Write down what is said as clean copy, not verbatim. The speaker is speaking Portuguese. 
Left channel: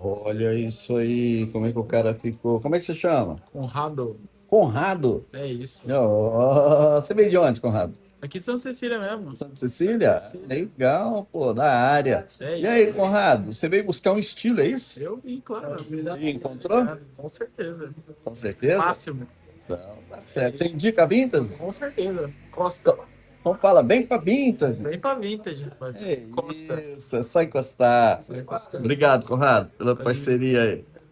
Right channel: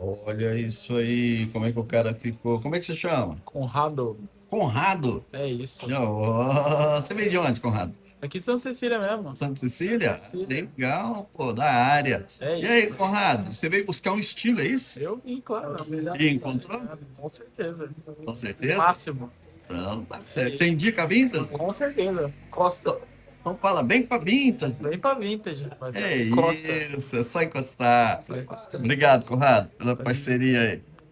Olha isso aí, como é que o cara ficou? Como é que se chama? Conrado, Conrado? é isso. Não, você veio de onde, Conrado? Aqui de Santa Cecília mesmo. Santa Santa Cecília? Cecília. Legal, pô, da área. É E aí, isso. Conrado, você veio buscar um estilo, é isso? Eu vim, claro. E encontrou? Com certeza. Com O certeza? máximo. Então, tá É certo. Você isso. indica a Vintage? Com certeza. Costa. Então fala bem pra Vintage. Vem pra vintage, mas É Costa. isso, é só encostar. Só encostando. Obrigado, Conrado, pela Valeu. parceria aí.